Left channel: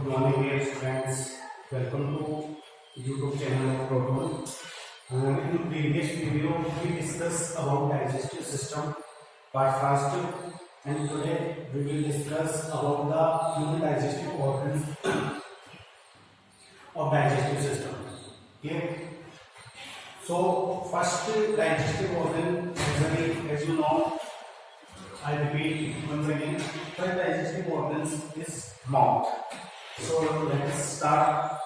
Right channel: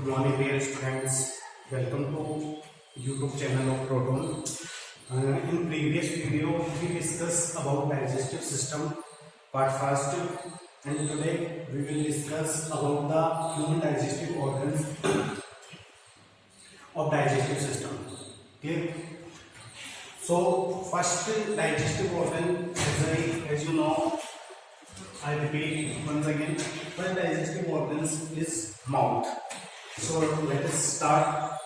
Good morning, dear students. Welcome to YouTube channel of Proton. In previous video, we discussed about digestive system part first, and today we will discuss about the human digestive organs of digestive system. Clear? So, first digestive organ, as you know, I repeat once again, first digestive organs is mouth. So let us start.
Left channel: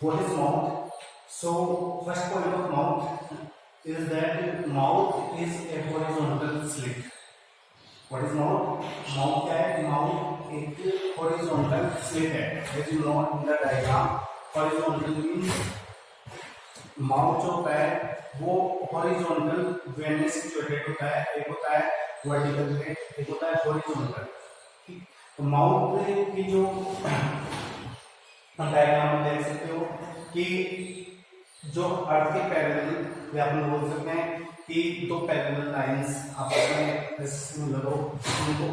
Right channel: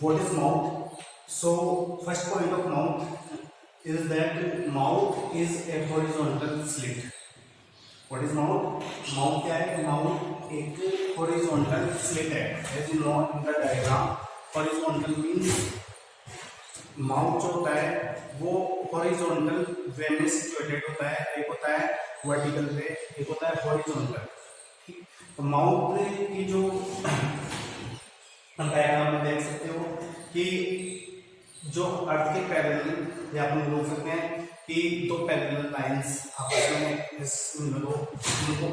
What is mouth? So first point of mouth is that mouth is a horizontal slit. What is mouth? Mouth क्या है? Mouth एक horizontal slit है. As you know in the diagram, horizontal means mouth जो होता है वो horizontal वे में situated होता है. एक होता है वर्टिकल वे, एक होता है हॉरिजॉन्टल. तो माउथ की जो डायग्राम में देख सकते हो कि जो अर्थ के पैरेलल या अपन बोल सकते हैं कि दो पैरेलल लाइंस आपस में मिलो उनको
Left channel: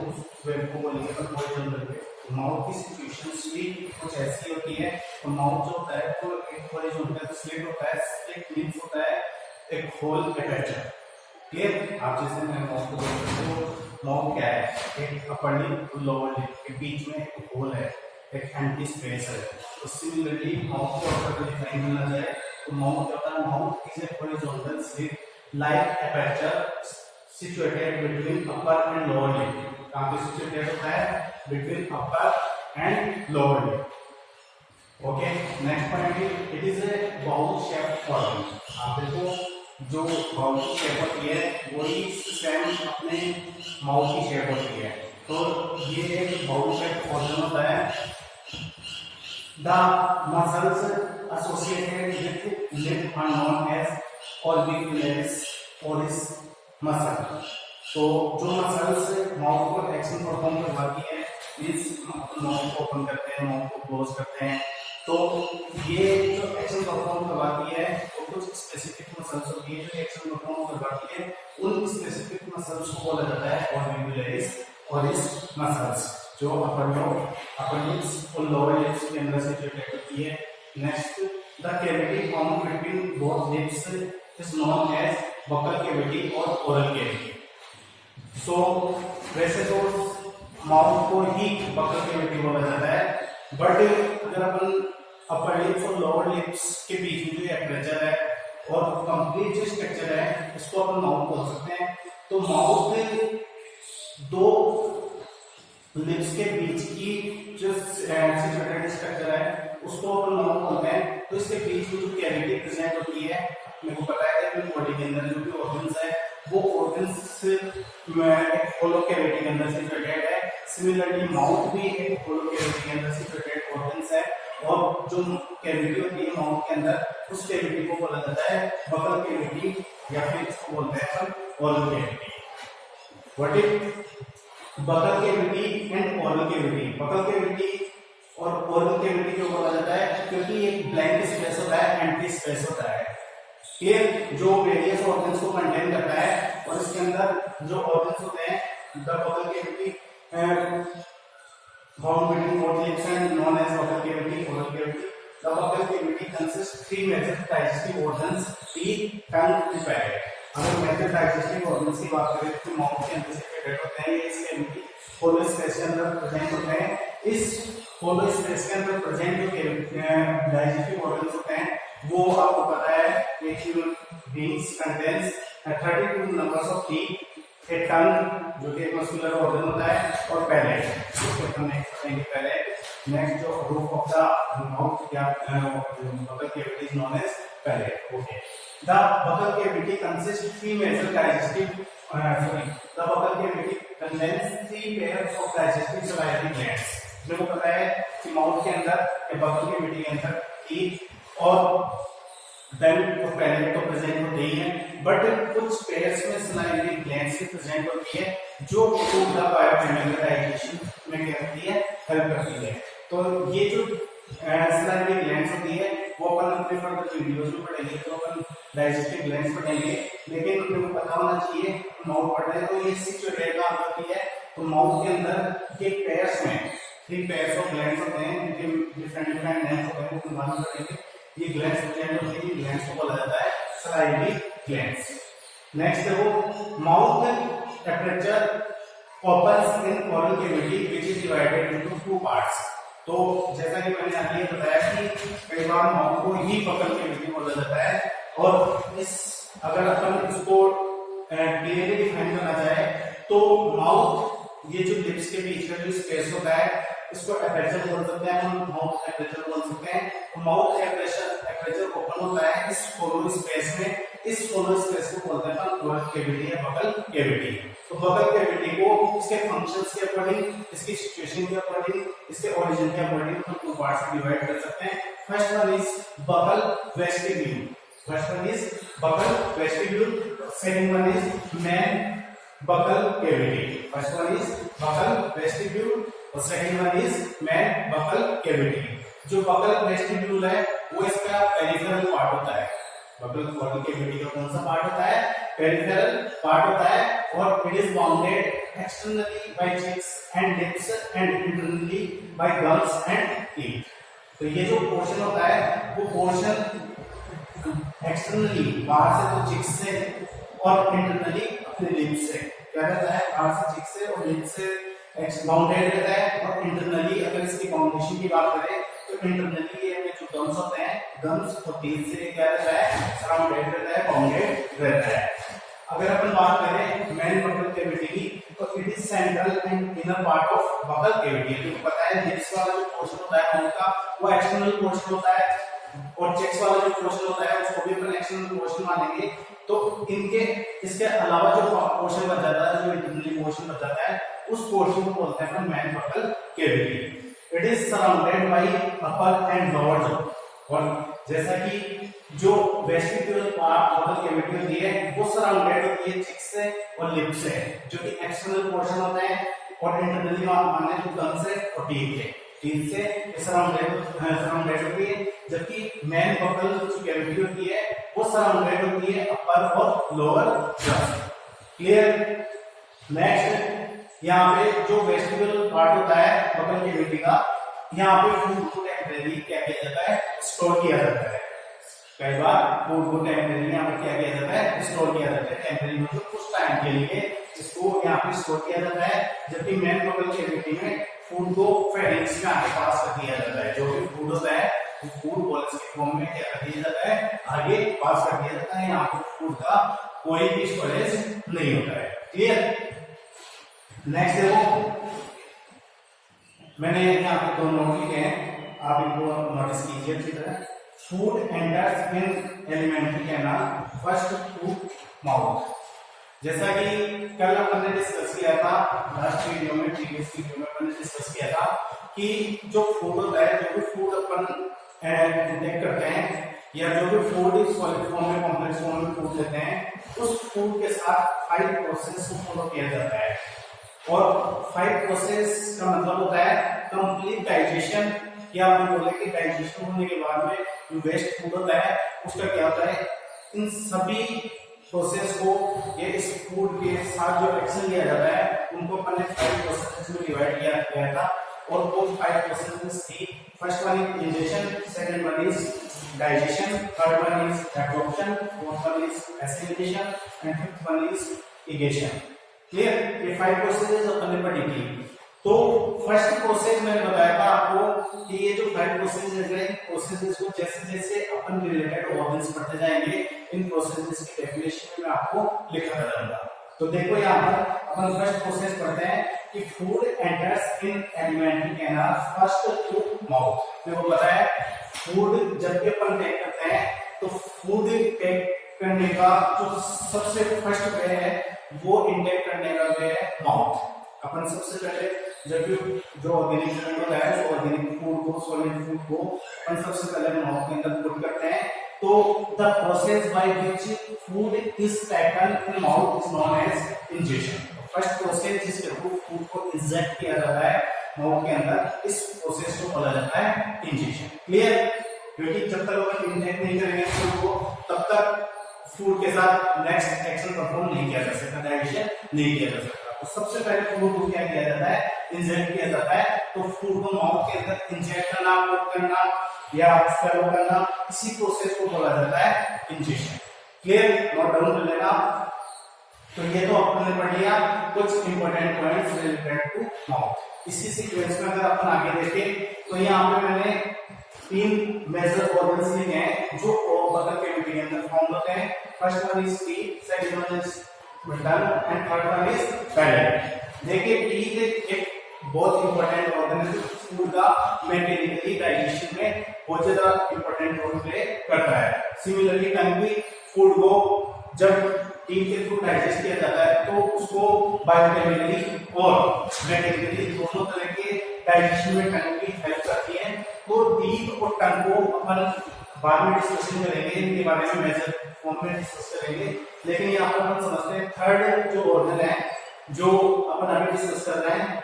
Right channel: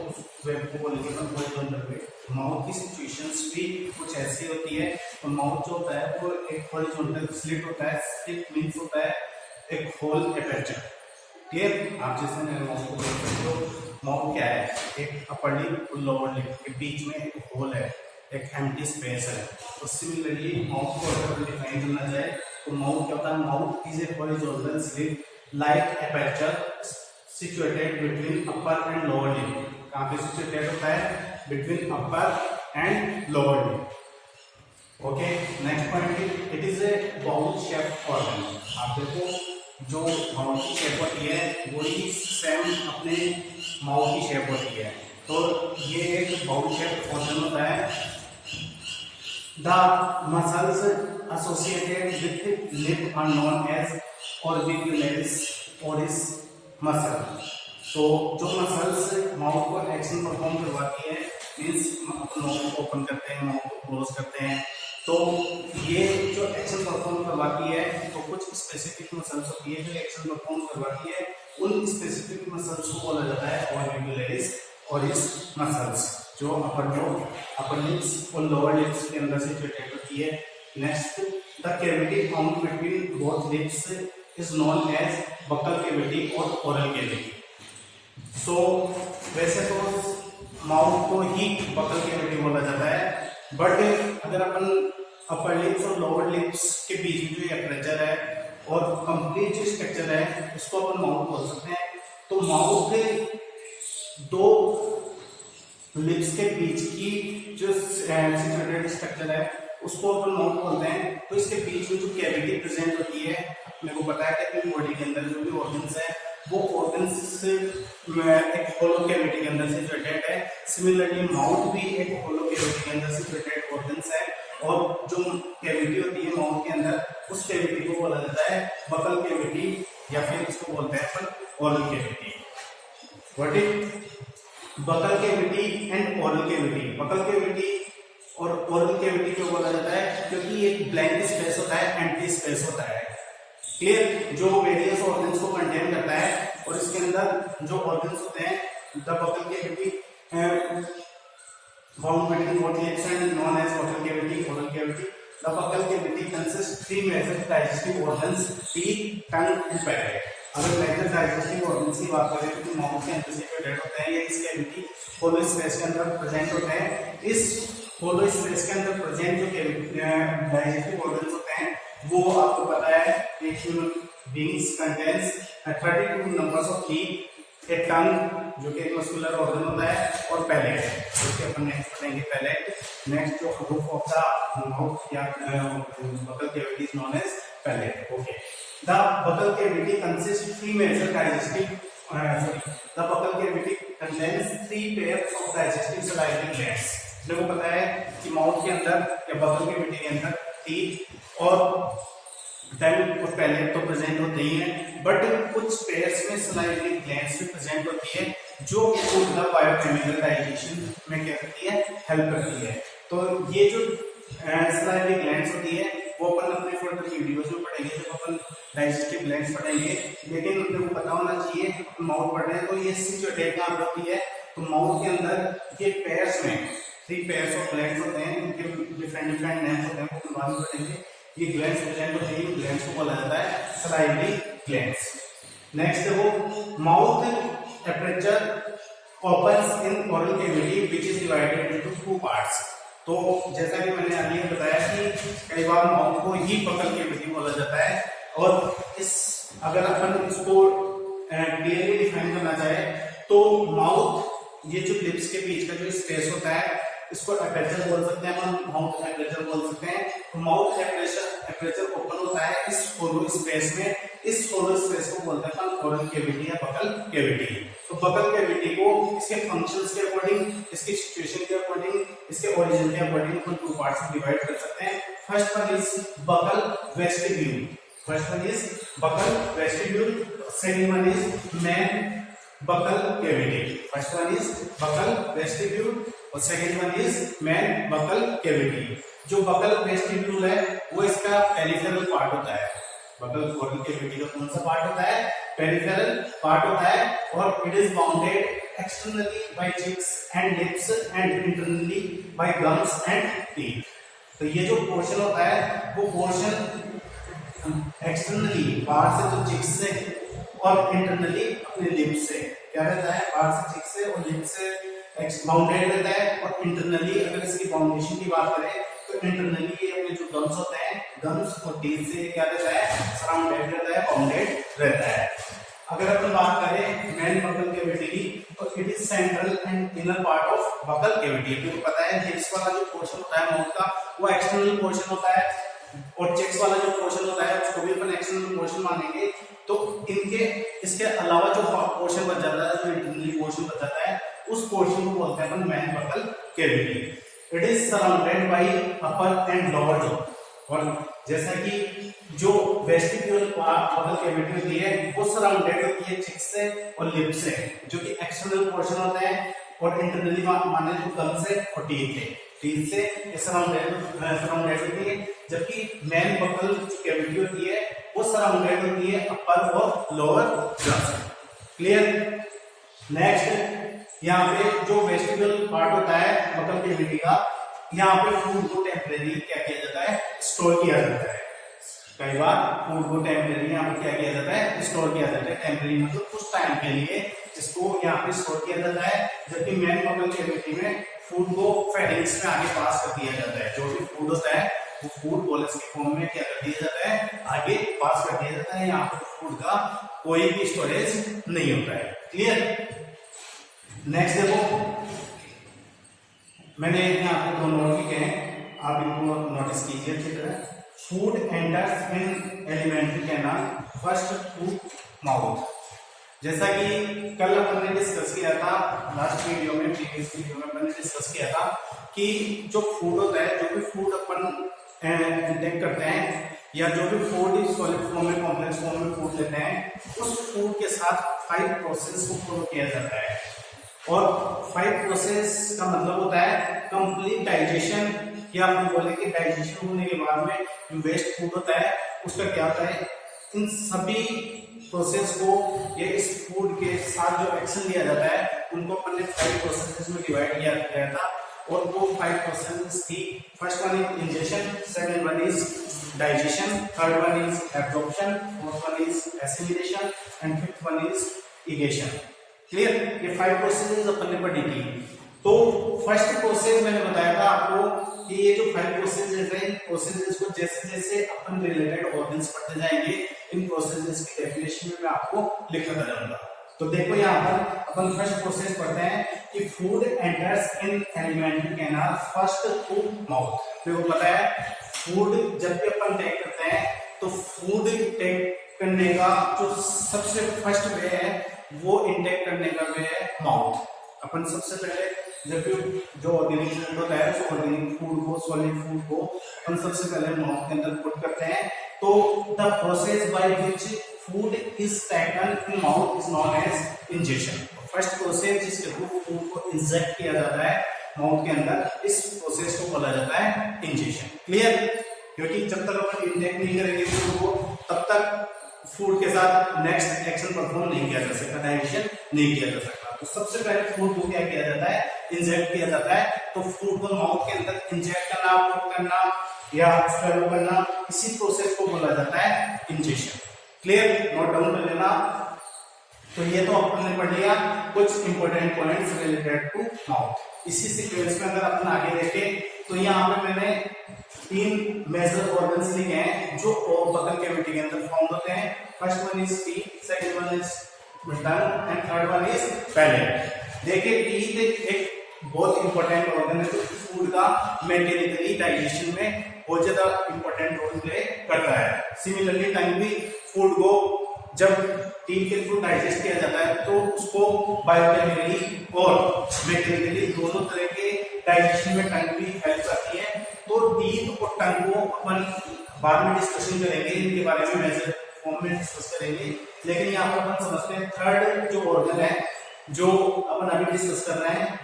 वेब को बोलेंगे अपन हॉरिजॉन्टल वे. माउथ की सिचुएशंस भी कुछ ऐसी होती है. तो माउथ जो होता है वो एक हॉरिजॉन्टल स्लिट होता है. स्लिट मींस होता है एक होल एपर्चर. क्लियर? आप जैसे मैं माउथ को देख सकते हो, माउथ क्या है? एक अपर लिप और लोअर लिप के बीच में एक होल है, एक एम्प्टी स्पेस है. तो सिमिलरली माउथ को अगर डिफाइन करना जाए तो माउथ क्या होता है? Mouth is a horizontal slit like aperture situated between upper and lower lip. कहाँ पे सिचुएटेड होता है? Between upper and lower lip. Okay, next point, it is a bowl shape organ. आप देखो जो बाउल की शेप होती है वही सेम अपने माउथ की शेप होती है. तो ये एक बाउल शेप ऑर्गन होता है. The muscles associated with lip are known as orbicularis oris muscle. तो जो मसल्स माउथ को एक्शन परफॉर्म करवाती है, मीन्स माउथ को ओपन करते हैं, माउथ को क्लोज करते हैं, तो ये जो एक्शन परफॉर्म करवाती है तो कुछ स्पेसिफिक मसल्स होती है जो एक्शन परफॉर्म करवाती है. उन स्पेसिफिक मसल्स को बोला जाता है ऑर्बिकुलरिस ओरिस मसल्स, जो अपर लिप्स और लोअर लिप्स के अंदर सिचुएटेड होती है. Next, the cavity found between both lips is known as buccal cavity और ओरल कैविटी. सो वैसे तो माउथ को ही बकल कैविटी बोला जाता है, बट अगर अपन अपर लिप्स और लोअर लिप्स के बीच में जो एपर्चर है और कंप्लीट जो स्ट्रक्चर है उसको अपन माउथ बोल सकते हैं. तो माउथ के दो लिप्स के बीच की जो सिचुएटेड स्ट्रक्चर है उसको अपन माउथ बोलते हैं. तो इसके बीच में जो कैविटी प्रेजेंट होती है, मेरे को पता है कि अपनी बॉडी के अंदर जो भी ऑर्गन्स है वो ऑर्गन्स एक होलो कैविटी के अंदर सिचुएटेड है. सिमिलरली माउथ भी एक होलो कैविटी के अंदर सिचुएटेड ऑर्गन्स है, और जो कैविटी होती है माउथ के अंदर उस कैविटी को बोला जाता है बकल कैविटी, या फिर इसको बोलते हैं अपन oral cavity. What is buccal cavity and oral cavity? Buccal cavity और ओरल कैविटी क्यों बोला जाता है? क्योंकि एक ब्लैंक स्पेस होता है, एम्प्टी स्पेस होता है. क्लियर? जो वेरियस ऑर्गन्स को कंटेन करता है, और इसके अंदर जो ऑर्गन्स होते हैं the buccal cavity found between both lips and known as buccal cavity, oral cavity. The buccal cavity consist three major digestive organs, teeth, tongue and palate. अगर मेजर डाइजेस्टिव ऑर्गन्स की बात करें तो माउथ के अंदर situated होते हैं, ये इस कैविटी होलो स्पेस के अंदर प्रेजेंट होते हैं. इस होलो स्पेस के अंदर प्रेजेंट जो डाइजेस्टिव ऑर्गन्स होते हैं वो आपको पता है एक human beings contains 32 numbers of teeth, a tongue जो कि एक मस्कुलर ऑर्गन होता है, और पैलेट जो कि अपन नेक्स्ट पढ़ेंगे पैलेट. नेक्स्ट जो रूफ ऑफ द माउथ या buccal cavity is known as palate. Okay, the buccal cavity consist three major digestive the buccal cavity contains three pairs of digestive salivary glands. देखो पता है कि mouth के अंदर या buccal cavity के अंदर टीथ और टंग और पैलेट तो प्रेजेंट होते ही हैं, बट कुछ पेयर्स में सलाइवरी ग्लैंड्स भी प्रेजेंट होती है जो फूड द बायोकेमिकल डाइजेशन में क्या करती है? हेल्प करती है. तो ये जो सलाइवरी ग्लैंड्स होती है वो अपन अपने फर्दर वीडियोस में पढ़ेंगे जब अपन डाइजेस्टिव ग्लैंड्स पढ़ेंगे. लेकिन आपको पता होना चाहिए माउथ पढ़ रहे हैं तो ये सिचुएटेड कहाँ होती है? तो माउथ के अंदर ये पेयर्स में 3 पेयर्स ऑफ ग्लैंड्स होते हैं, इनके डिफरेंट डिफरेंट नेम्स होते हैं, वो बाद में पढ़ेंगे। ये ग्लैंड्स प्रेजेंट होते हैं, ग्लैंड्स को बोला जाता है सलाइवरी ग्लैंड्स। नेक्स्ट देखो, mouth aperture opens in oral cavity which is divided into 2 parts. तो जैसा कि मैंने अभी बताया कि कई बार माउथ को ही बकल कैविटी बोला जाता है, और इस अगर अपन इसको क्लियरली डिफाइन करना चाहे तो माउथ, ये जो लिप्स के बीच का जो स्पेस होता है इसको एपर्चर बोल सकते हैं, हम माउथ एपर्चर बोल सकते हैं। तो माउथ एपर्चर ओपन होता है इस होलो स्पेस में, इस होलो स्पेस को बोलते हैं ओरल कैविटी या बकल कैविटी। तो बकल कैविटी को इसके फंक्शंस के अकॉर्डिंग, इसकी सिचुएशन के अकॉर्डिंग, इसके ओरिजिन के अकॉर्डिंग हम 2 पार्ट्स में डिवाइड कर सकते हैं। First one is buccal vestibule, first one is buccal vestibule, second one is main buccal cavity. First one is buccal vestibule और second one is main buccal cavity. जो buccal vestibule है वो इसका peripheral part होता है। Buccal cavity का कौन सा पार्ट होता है? पेरिफेरल पार्ट होता है, और it is bounded externally by cheeks and lips and internally by gums and teeth. तो ये जो पोर्शन होता है वो पोर्शन एक्सटर्नली बाहर से तो चिक्स से और इंटरनली अपने लिप्स से क्या रहता है, बाहर से चिक्स से और लिप्स से बाउंडेड रहता है, और इंटरनली अगर इसकी बाउंडेशन की बात करें तो इंटरनली ये अपने जो गम्स होते हैं, गम्स और टीथ से क्या रहता है, सराउंडेड रहता है, बाउंडेड रहता है। अगर अपन बात करें मेन बकल कैविटी की, तो it is central and inner part of buccal cavity. क्योंकि पता है लिप्स वाला जो पोर्शन होता है माउथ का वो एक्सटर्नल पोर्शन होता है, और चेक्स वाला जो पोर्शन होता है उसको भी अपन एक्सटर्नल पोर्शन मानेंगे। तो इनके इसके अलावा जो पोर्शन बच जाता है, जो इंटरनली पोर्शन बच जाता है, उस पोर्शन को बोलते हैं अपन main buccal cavity. It is surrounded by upper and lower jaw. और जैसा कि जो वेस्टिब्यूल बकल कैविटी होती है वो सराउंडेड होती है चिक्स से और लिप्स से, जो कि एक्सटर्नल पोर्शन होता है, और इंटरनली माने तो गम से और टीथ से सराउंडेड होती है। जबकि मेन बकल जो कैविटी होती है वो सराउंडेड होती है अपर और लोअर जॉ से। क्लियर? नेक्स्ट, यहाँ पे जो वेस्टिब्यूल पार्ट होता है बकल कैविटी का, यहाँ पे फूड को टेम्परेरी क्या किया जाता है, स्टोर किया जाता है। कई बार फूड को टेम्परेरी यहाँ पे क्या किया जाता है, स्टोर किया जाता है। टेम्परेरी मतलब कुछ टाइम के लिए इसको यहाँ पे स्टोर किया जाता है। जबकि मेन बकल कैविटी में फूड को फेरिंग्स में आगे पास कर दिया जाता है। जो भी फूड होता है वो फूड बॉल्स के फॉर्म में क्या कर दिया जाता है, आगे पास कर दिया जाता है। यहाँ पे फूड का कोई भी स्टोरेज नहीं होता है। क्लियर? नेक्स्ट देखो, मैंने यहाँ पे 2 नोट किए हैं, आप इनको नोटिस कीजिए अच्छी तरह। Food enters in alimentary canal first through mouth. जैसा कि कल अपन ने डिस्कस किया था लास्ट वीडियो में, प्रीवियस वीडियो में अपन ने डिस्कस किया था कि जो फूड होता है, जो भी फूड अपन इंटेक करते हैं या जो भी फूड सॉलिड फॉर्म में, कॉम्प्लेक्स फॉर्म में फूड लेते हैं, उस फूड के साथ 5 प्रोसेस को फॉलो किया जाता है। और 5 प्रोसेस का मतलब होता है कंप्लीट डाइजेशन, या हम बोले कि डाइजेशन होने के बाद में जो वेस्ट फूड होता है उसका क्या होता है, इन सभी प्रोसेस को ये इस फूड के साथ जो एक्शन लिया जाता है उनको अपन ने 5 प्रोसेस में डिवाइड किया गया था। और वो 5 प्रोसेस थी, first one is ingestion, second one is digestion, third one is absorption, fourth one is assimilation and fifth one is egestion. Clear? ये 5 प्रोसेस अपन ने पढ़ी थी। तो फर्स्ट प्रोसेस मैंने बताया था आपको कि ये जो 5 प्रोसेस है, प्रोसेसेस को जैसे जैसे अपन रिलेटेड ऑर्गन्स पढ़ते जाएंगे, इन प्रोसेसेस की डेफिनेशन में मैं आपको लिखता जाऊंगा। तो देखो यहाँ पर अपन फर्स्ट प्रोसेस पढ़ते हैं कि food enters in alimentary canal first through mouth. देखो पता है फूड जब भी अपन टेक करते हैं तो फूड टेक करने का जो सबसे फर्स्ट वे है वो इंटेक करने का वे है माउथ। अपन सबसे पहले जब भी जो ऑर्गेनिक फूड होता है उस ऑर्गेनिक फूड को, सॉलिड फूड को अपन सबसे पहले माउथ के अंदर पुट करते हैं। तो the process by which food is taken in mouth is known as ingestion. First process जिसके थ्रू फूड को इंजेक्ट किया जाता है माउथ के अंदर, इस प्रोसेस को बोला जाता है इंजेशन। क्लियर? क्योंकि जब तक अपन इंटेक नहीं करेंगे फूड को तब तक फूड के साथ नेक्स्ट एक्शन परफॉर्म नहीं किया जा सकता, डाइजेशन नहीं किया जा सकता। तो सबसे पहले फूड को क्या किया जाता है, इंजेक्ट किया जाता है। तो फूड को माउथ के अंदर इंजेक्ट करना, पुट करना या स्वेलो करना, इसी प्रोसेस को बोला जाता है इंजेक्शन। क्लियर? नोट डाउन कर लेना। तो ये तो आपने पढ़ लिया कुछ important points related to mouth. इसी सीक्वेंस में अगर अपन आगे देखें तो यहाँ पे मैंने 3 मेजर ऑर्गन्स लिखे हैं जो बकल कैविटी के अंदर फाउंड होते हैं। First one is teeth, second one is tongue and third one is palate. देखिए टीथ एक बहुत इंपॉर्टेंट ऑर्गन है जो फूड का मैकेनिकली डाइजेशन में बहुत ज्यादा इंपॉर्टेंट रोल प्ले करता है। सिमिलरली टंग भी फूड को जब टीथ के थ्रू डाइजेस्ट किया जाता है तो उसको बायोकेमिकली और मैकेनिकली दोनों तरह के डाइजेशन में टंग भी हेल्प करती है। तो टीथ और टंग को अपन बाद में डिस्कशन करेंगे, इनके बारे में मेजर फॉर्म में डिस्कस करेंगे। लेकिन यहाँ पर हम समझते हैं थर्ड जो ऑर्गन है जो अपन अभी डिस्कस कर रहे हैं,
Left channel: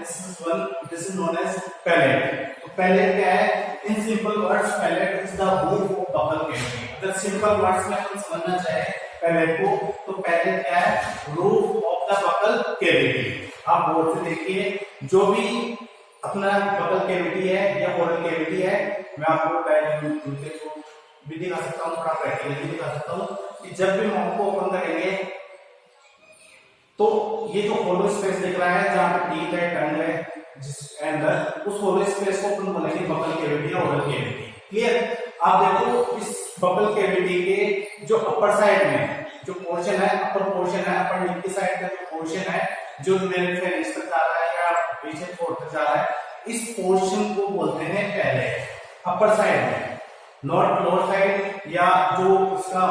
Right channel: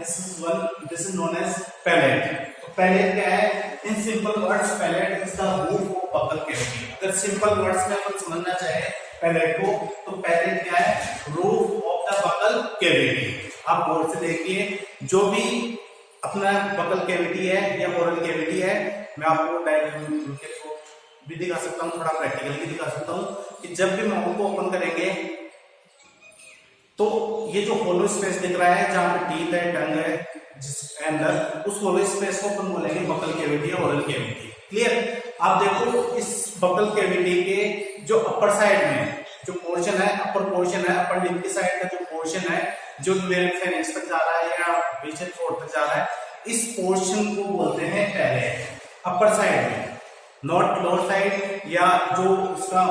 this is known as palate. तो पैलेट क्या है? In simple words palate is the roof of buccal cavity. अगर सिंपल वर्ड्स में अपन समझना चाहे पैलेट को तो पैलेट क्या है? Roof of the buccal cavity. आप गौर से देखिए, जो भी अपना बकल कैविटी है या ओरल कैविटी है, मैं आपको डायग्राम के थ्रू भी दिखा सकता हूँ, थोड़ा प्रैक्टिकली भी दिखा सकता हूँ कि जब भी माउथ को ओपन करेंगे तो ये जो होलो स्पेस दिख रहा है जहां पे टीथ है, टंग है, जिसके अंदर उस होलो स्पेस को अपन बोलेंगे बकल कैविटी या ओरल कैविटी। क्लियर? आप देखो इस बकल कैविटी के जो अपर साइड में जो पोर्शन है, अपर पोर्शन है, अपर लिप की साइड का जो पोर्शन है जो फेरिंक्स तक जा रहा है या पीछे थ्रोट तक जा रहा है, इस पोर्शन को बोलते हैं पैलेट। अपर साइड में, नॉट लोअर साइड या जो इसका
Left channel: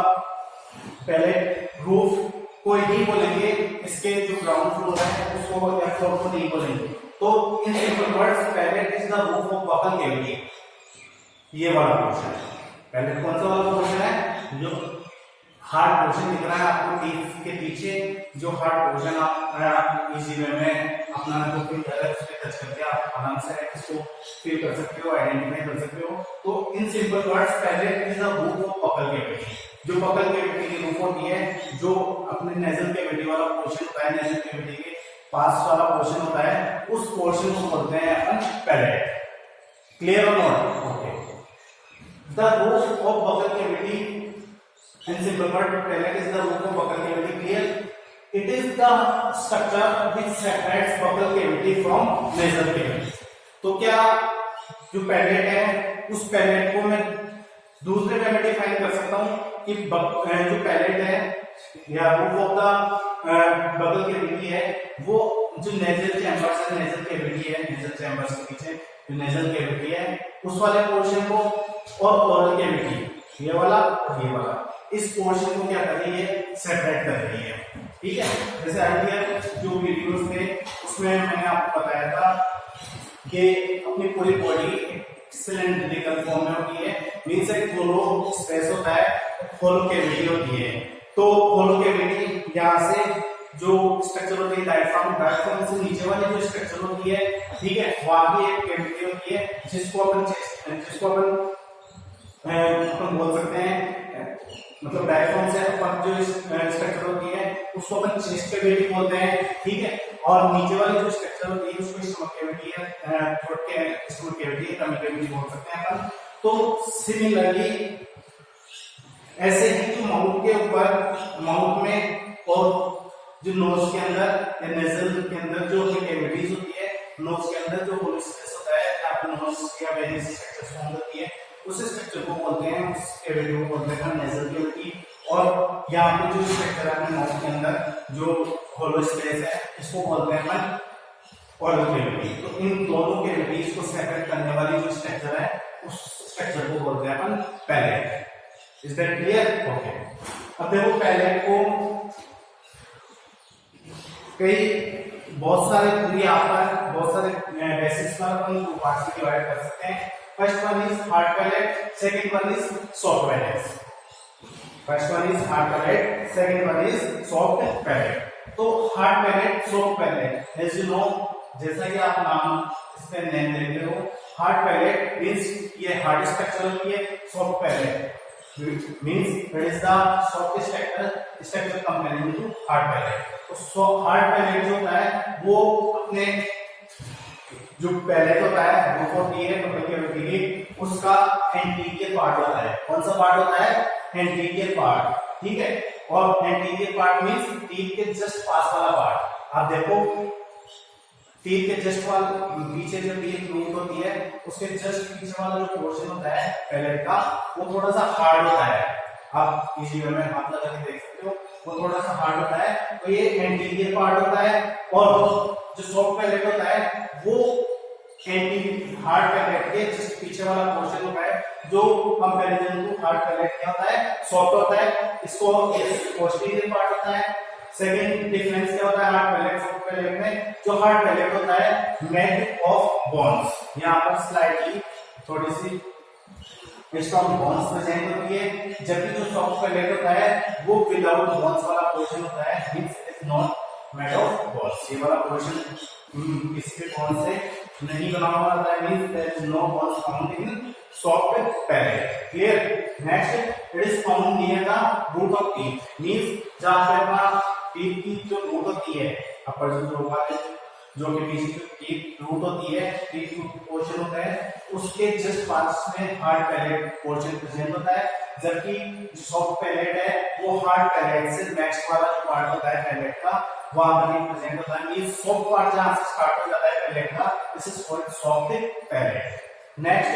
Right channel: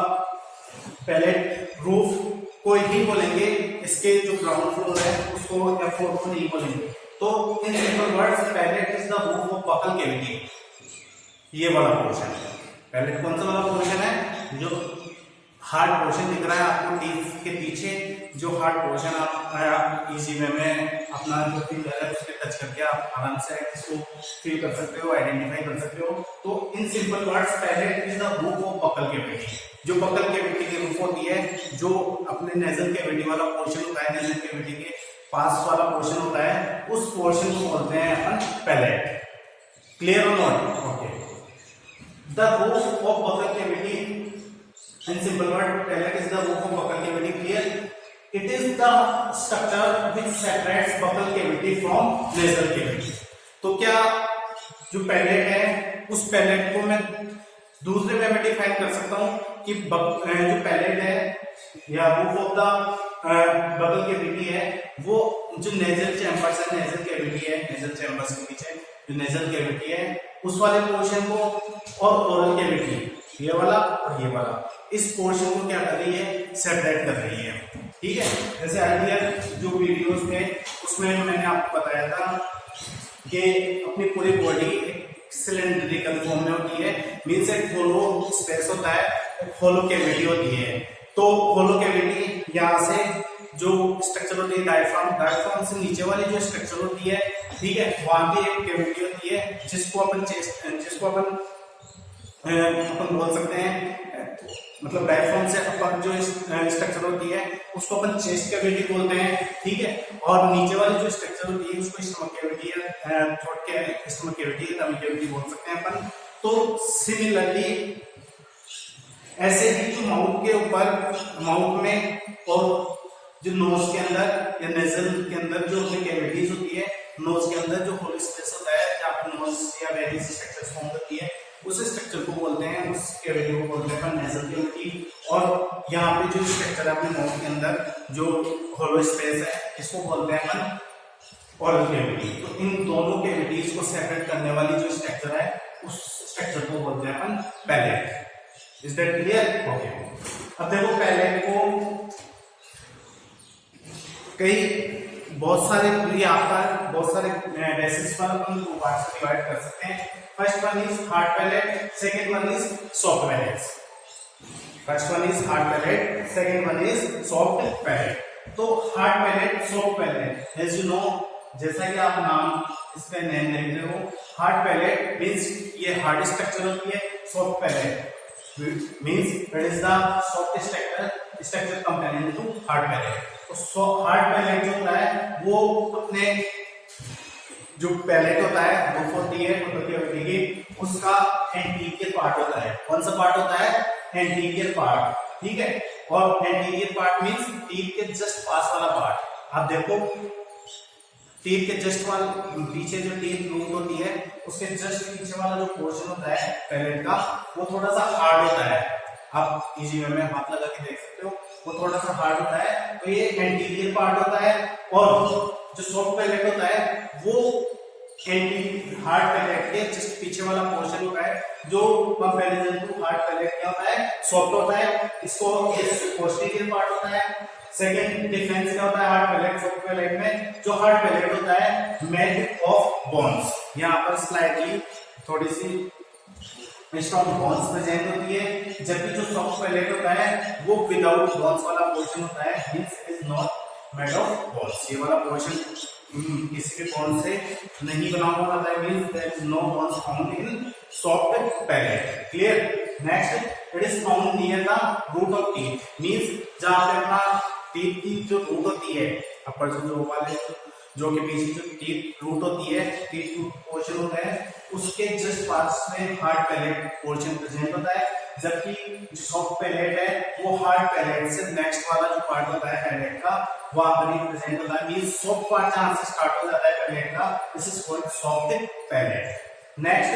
पैलेट रूफ को ही बोलेंगे, इसके जो ग्राउंड फ्लोर है उसको या फ्लोर को नहीं बोलेंगे। तो in simple words palate is the roof of buccal cavity. ये वाला पोर्शन है पैलेट। कौन सा वाला पोर्शन है? जो हार्ड पोर्शन दिख रहा है आपको टीथ के पीछे, जो हार्ड पोर्शन आप इजी वे में अपना जो फिंगर है उसके टच करके आप आराम से इसको फील कर सकते हो, आइडेंटिफाई कर सकते हो। तो in simple words palate is the roof of buccal cavity. जो बकल कैविटी की रूफ होती है, जो अपने नेजल कैविटी वाला पोर्शन होता है, नेजल कैविटी के पास वाला पोर्शन होता है, उस पोर्शन को बोलते हैं अपन पैलेट। क्लियर और not? Okay. The roof of buccal cavity in simple word palate is the roof of buccal cavity. Clear? It is the structure which separates buccal cavity from nasal cavity. तो क्या जो palette है उस palette को मैं दूसरे वे में define कर सकता हूँ कि जो पैलेट है या roof of the buccal cavity है वो जो नेजल चैम्बर्स है, नेजल कैविटी है, नेजल चैम्बर्स के पीछे जो नेजल कैविटी है उस वाले पोर्शन को और ओरल कैविटी ये वाला और ये वाला इस पोर्शन को क्या कर रही है? सेपरेट कर रही है। ठीक है? जैसे आइडिया जो वीडियोस में उसमें मैंने आपको बताया था कि अपनी पूरी बॉडी सिलेंड्रिकल फॉर्म में होती है, मींस एक होलो स्पेस होता है, होलो कैविटी होती है। तो होलो कैविटी यहाँ से जो स्ट्रक्चर होती है डायफ्राम से नीचे वाली जो स्ट्रक्चर होती है, ठीक है, वहां भी एक कैविटी होती है जिसको अपन बोल सकते हैं, मतलब डायफ्राम से ऊपर जो स्ट्रक्चर होती है उसको अपन चेस्ट कैविटी बोलते हैं। ठीक है? और नीचे वाली जो स्ट्रक्चर होती है उसको स्टमक कैविटी या थ्रोट के स्टमक कैविटी या टमी कैविटी बोल सकते हैं अपन। तो सिमिलरली ऐसे ही जो माउथ के ऊपर, माउथ में और जो नोज के अंदर या नेजल के अंदर जो कैविटीज होती है, नोज के अंदर जो होलो स्पेस होता है जहाँ पर नोज या वेरियस स्ट्रक्चर्स फॉर्म होती है, उस स्ट्रक्चर को बोलते हैं, उस कैविटी को बोलते हैं नेजल कैविटी। और यहाँ पे जो स्ट्रक्चर है अपने माउथ के अंदर जो होलो स्पेस है इसको बोलते हैं अपन ओरल कैविटी। तो इन दोनों कैविटीज को सेपरेट करने वाली जो स्ट्रक्चर है उस स्ट्रक्चर को बोलते हैं अपन palate. Is that clear? Okay. अब देखो पैलेट को बहुत सारे बेसिस पर अपन दो पार्ट्स में डिवाइड कर सकते हैं। First one is hard palate, second one is soft palate. First one is hard palate, second one is soft palate. तो hard palate, soft palate, as you know, जैसा कि आप नाम इसका नेम देख रहे हो, हार्ड पैलेट मींस ये हार्ड स्ट्रक्चर होती है, soft palate means it is the soft structure comparing to hard palate. तो हार्ड पैलेट जो होता है वो अपने जो पैलेट होता है रूफ होती है मतलब कैविटी की, उसका एंटीरियर पार्ट होता है। कौन सा पार्ट होता है? एंटीरियर पार्ट, ठीक है। और एंटीरियर पार्ट मींस टीथ के जस्ट पास वाला पार्ट। आप देखो टीथ के जस्ट वाल पीछे जो टीथ रूट होती है उसके जस्ट पीछे वाला जो पोर्शन होता है पैलेट का वो थोड़ा सा हार्ड होता है। आप इसी में हाथ लगा के देख सकते हो, वो थोड़ा सा हार्ड होता है, तो ये एंटीरियर पार्ट होता है। और जो सॉफ्ट पैलेट होता है वो एंटी हार्ड पैलेट के जस्ट पीछे वाला पोर्शन होता है, जो कंपैरिजन टू हार्ड पैलेट क्या होता है? सॉफ्ट होता है। इसको पोस्टीरियर पार्ट होता है। सेकंड डिफरेंस क्या होता है हार्ड पैलेट सॉफ्ट पैलेट में? जो हार्ड पैलेट होता है मेड ऑफ बोन्स, यहाँ पर स्लाइडली थोड़ी सी स्ट्रॉन्ग बोन्स प्रेजेंट होती है, जबकि जो सॉफ्ट पैलेट होता है वो विदाउट बोन्स वाला पोर्शन होता है, means is not made of bones. ये वाला पोर्शन किसी भी बोन से नहीं बना हुआ होता है, means there is no bones found in soft palate. Clear? Next, it is found near the root of teeth, means जहां पे अपना टीथ की जो रूट होती है अपर जो वाले जो कि पीछे जो टीथ रूट होती है, टीथ रूट पोर्शन होता है, उसके जस्ट पास में हार्ड पैलेट पोर्शन प्रेजेंट होता है, जबकि जो सॉफ्ट पैलेट है वो हार्ड पैलेट से नेक्स्ट वाला जो पार्ट होता है पैलेट का वहां पर ही प्रेजेंट होता है। मींस सॉफ्ट पार्ट जहां से स्टार्ट हो जाता है पैलेट का, this is called soft palate. Next,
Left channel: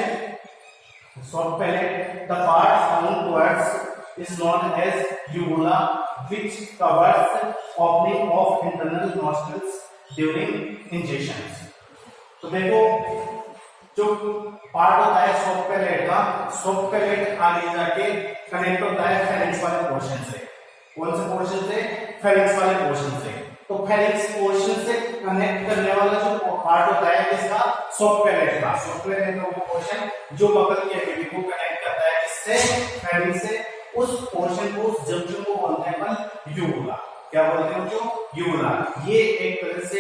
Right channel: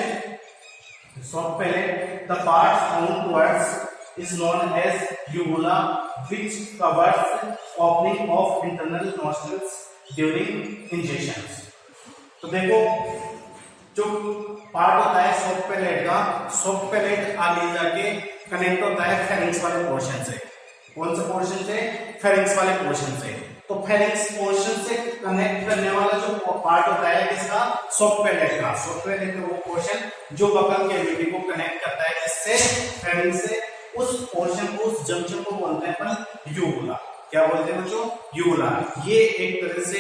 soft palate, the part found towards is known as uvula which covers opening of internal nostrils during injections. तो देखो जो पार्ट होता है सॉफ्ट पैलेट का, सॉफ्ट पैलेट आगे जाके कनेक्ट होता है फेरिंक्स वाले पोर्शन से। कौन से पोर्शन से? फेरिंक्स वाले पोर्शन से। तो फेरिंक्स पोर्शन से कनेक्ट करने वाला जो पार्ट होता है किसका? सॉफ्ट पैलेट का। सॉफ्ट पैलेट का वो पोर्शन जो बकल कैविटी को कनेक्ट करता है इससे फेरिंक्स से, उस पोर्शन को, उस जंक्शन को बोलते हैं अपन यूवुला। क्या बोलते हैं बच्चों? यूवुला। ये एक तरह से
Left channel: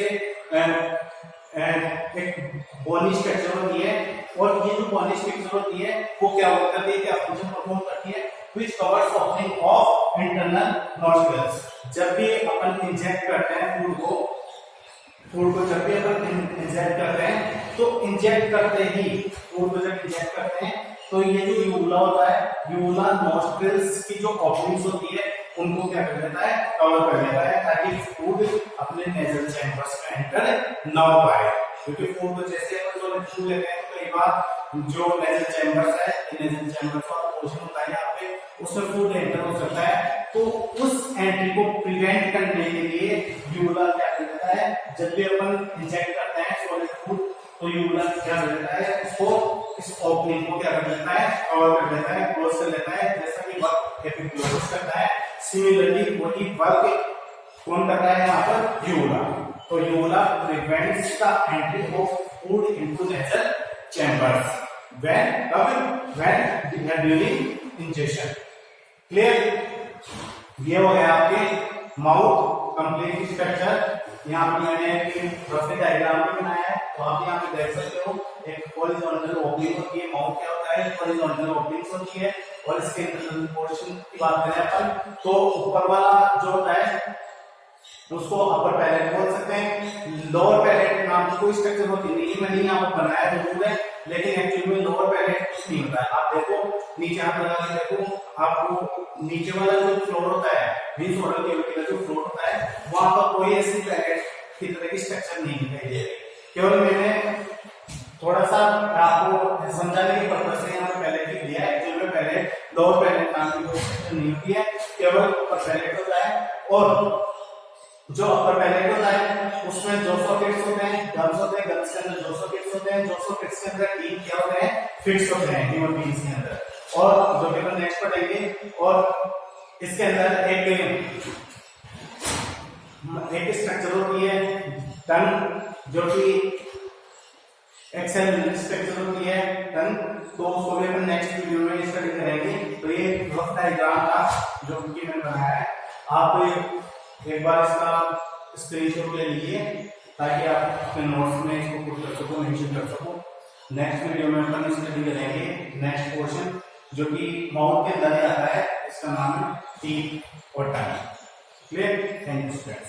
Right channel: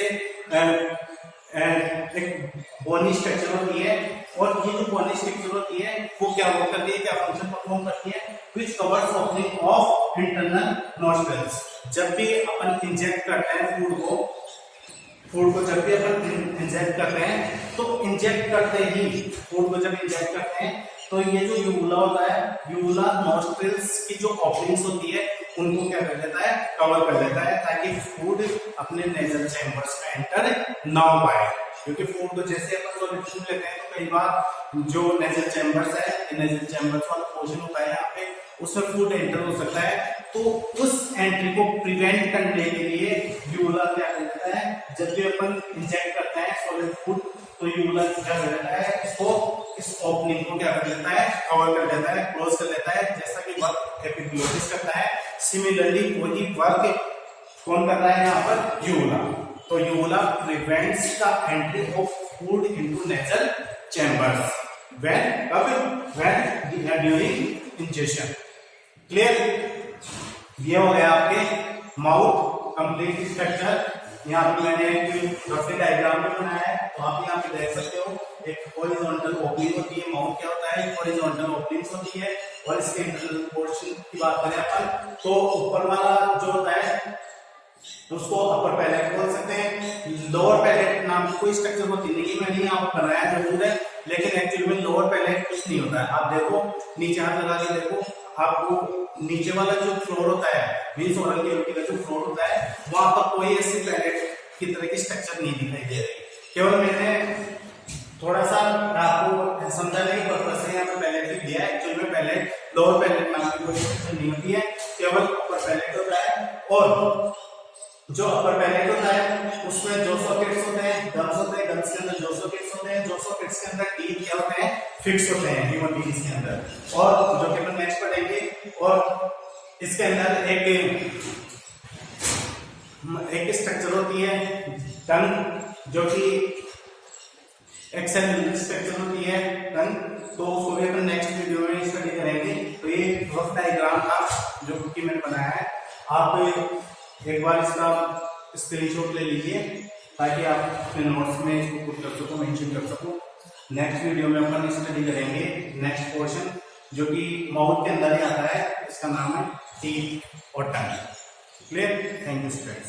एक बोनी स्ट्रक्चर होती है, और ये जो बोनी स्ट्रक्चर होती है वो क्या वर्क करती है, क्या फंक्शन परफॉर्म करती है? Which covers opening of internal nostrils. जब भी अपन इंजेक्ट करते हैं फूड को जब भी अपन इंजेक्ट करते हैं तो इंजेक्ट करते ही फूड को जब इंजेक्ट करते हैं तो ये जो यूवुला होता है, यूवुला नॉस्ट्रिल्स की जो ओपनिंग्स होती है उनको क्या कर देता है? कवर कर देता है, ताकि फूड अपने नेजल चैम्बर्स में एंटर ना हो पाए। क्योंकि फूड को जैसे अपन छू लेते हैं तो कई बार जो नेजल चैम्बर्स है, नेजल चैम्बर्स का पोर्शन होता है यहाँ पे, उसमें फूड एंटर हो सकता है। तो उस एंट्री को प्रिवेंट करने के लिए यूवुला क्या कर देता है? जब भी अपन इंजेक्ट करते हैं सॉलिड फूड तो यूवुला क्या कर देता है? इसको, इस ओपनिंग को क्या कर देता है? कवर कर देता है, क्लोज कर देता है, जैसा कि वर्क एपिग्लोटिस करता है। सिमिलरली वही वर्क कौन कर रहा है यहाँ पर? यूवुला। तो uvula prevents the entry of food into nasal chambers when during injection. Clear? ये हो गया आपके माउथ कंप्लीट स्ट्रक्चर। यहाँ पे मैंने एक रफ डायग्राम भी बनाया है, तो आप यहाँ पे देख सकते हो एक हॉरिजॉन्टल ओपनिंग होती है। माउथ क्या होता है? हॉरिजॉन्टल ओपनिंग्स होती है। और इसके इंटरनल पोर्शन की बात करें अपन तो ऊपर वाला जो होता है उसको अपर पैलेट बोल सकते हैं। लोअर पैलेट नाम की कोई स्ट्रक्चर होती नहीं, मैंने यहाँ पर बनाया जरूर है, लेकिन एक्चुअली में लोअर पैलेट कुछ नहीं होता है। आप देखो नीचे हाथ लगा के देखो, आपको नीचे वाला जो फ्लोर होता है, मींस ओरल कैविटी का जो फ्लोर होता है, वहां पर कोई ऐसी पैलेट की तरह की स्ट्रक्चर नहीं दिखाई दे रही। केवल मैंने थोड़ा सा आपको समझाने के पर्पज से यहाँ पे पैलेट लिख दिया है। एक्चुअली में पैलेट, लोअर पैलेट नाम की कोई स्ट्रक्चर नहीं होती है, केवल अपर पैलेट होता है। और जो अपर पैलेट होता है उसमें जो सॉकेट्स होते हैं, गम्स होते हैं, गम्स के अंदर जो सॉकेट्स होते हैं, जो सॉकेट्स के अंदर टीथ क्या होते हैं? फिक्स होते हैं ह्यूमन बीइंग्स के अंदर। और जो कि अपन नेक्स्ट पढ़ेंगे, और इसके अंदर एक स्ट्रक्चर होती है टंग, जो कि एक्सेल स्ट्रक्चर होती है टंग, तो उसको भी अपन नेक्स्ट वीडियो में स्टडी करेंगे। तो ये रफ डायग्राम था जो कि मैंने बनाया है। आप एक बार इसका स्क्रीनशॉट ले लीजिए ताकि आप अपने नोट्स में इसको पुट कर सको, मेंशन कर सको। नेक्स्ट वीडियो में अपन स्टडी करेंगे नेक्स्ट पोर्शन जो कि माउथ के अंदर आता है, इसका नाम है टीथ और टंग। क्लियर? Thank you students.